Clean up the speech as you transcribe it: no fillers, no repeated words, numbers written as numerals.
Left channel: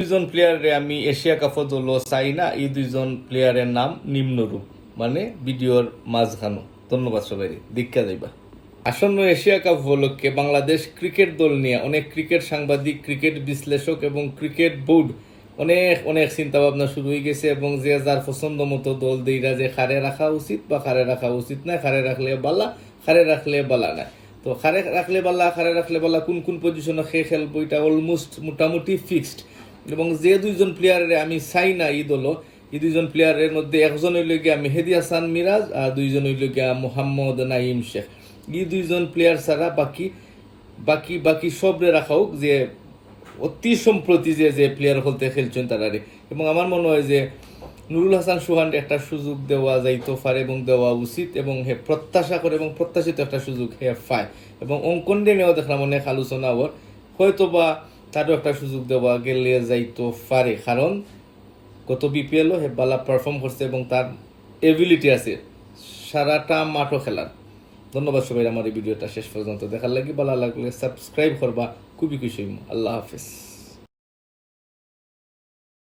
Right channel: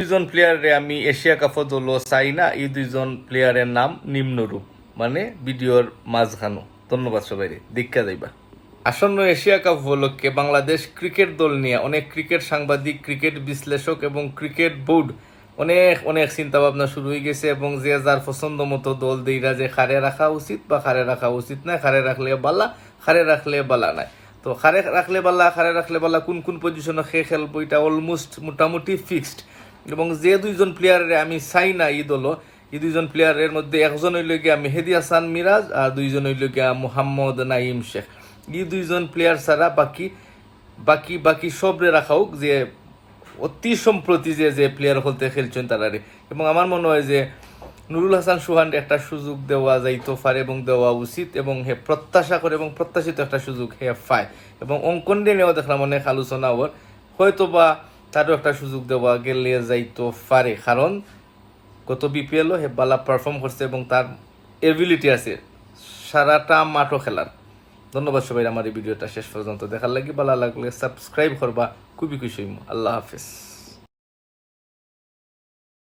দুইজন প্লেয়ারে আমি এশিয়া কাপত দল চাই না। এই দুইজন প্লেয়ারের নাম নিম্নরূপ, মানে ভিডিওর মাঝখানো। ধন্যবাদ সবাই, দীক্ষা যাইবা। আসন্ন এশিয়া কাপ উপলক্ষে বাংলাদেশ ক্রিকেট দল নিয়ে অনেক ক্রিকেট সাংবাদিক, ক্রিকেট বিশ্লেষক এবং ক্রিকেট বোর্ড অনেক অনেক চিন্তা ভাবনা শুরু হয়ে গেছে, এবং যে যার পছন্দ মতো দল দেইরা যে খারে রাখা উচিত বা খারে রাখা উচিত না, খারে রাখলে বালা, খারে রাখলে বালা নাই। তো খারে রাখলে বালা, খারে রাখলে বালা, কোন কোন পজিশনে খেলবো এটা অলমোস্ট মোটামুটি ফিক্সড। এবং যে দুইজন প্লেয়ারের আমি চাই না এই দল, এই দুইজন প্লেয়ারের মধ্যে একজন হইল গিয়া মেহেদি হাসান মিরাজ আর দুইজন হইল গিয়া মোহাম্মদ নাইম শেখ। এই দুইজন প্লেয়ার ছাড়া বাকি বাকি বাকি সবরে রাখা হোক, যে অতি সম্প্রতি যে যে প্লেয়ার হলতে খেলছেন তারারে। এবং আমার মনে হয় যে নুরুল হাসান সুহান একটা সুযোগ দেওয়া যাইতে পারে এবং দেওয়া উচিত, এবং হে প্রত্যাশা করে এবং প্রত্যাশিত একটা সুযোগ হে পায়। এবং অঙ্কন নিয়েও দেখলাম অনেক আলোচনা হওয়ার, হয়তো বা তারও একটা সুযোগ দেওয়া গেলে যাইতে পারে, কারণ গত বিপিএলও হে বালা পারফর্ম করছে এবং তার এবিলিটি আছে সারাটা মাঠও খেলার। ধন্যবাদ সবাই আমার এই ভিডিওটা শেষ পর্যন্ত দেখার লাগি। ভালো লাগলে সাবস্ক্রাইব করবা, খুবই খুশি হইম। আল্লাহ হাফিজ।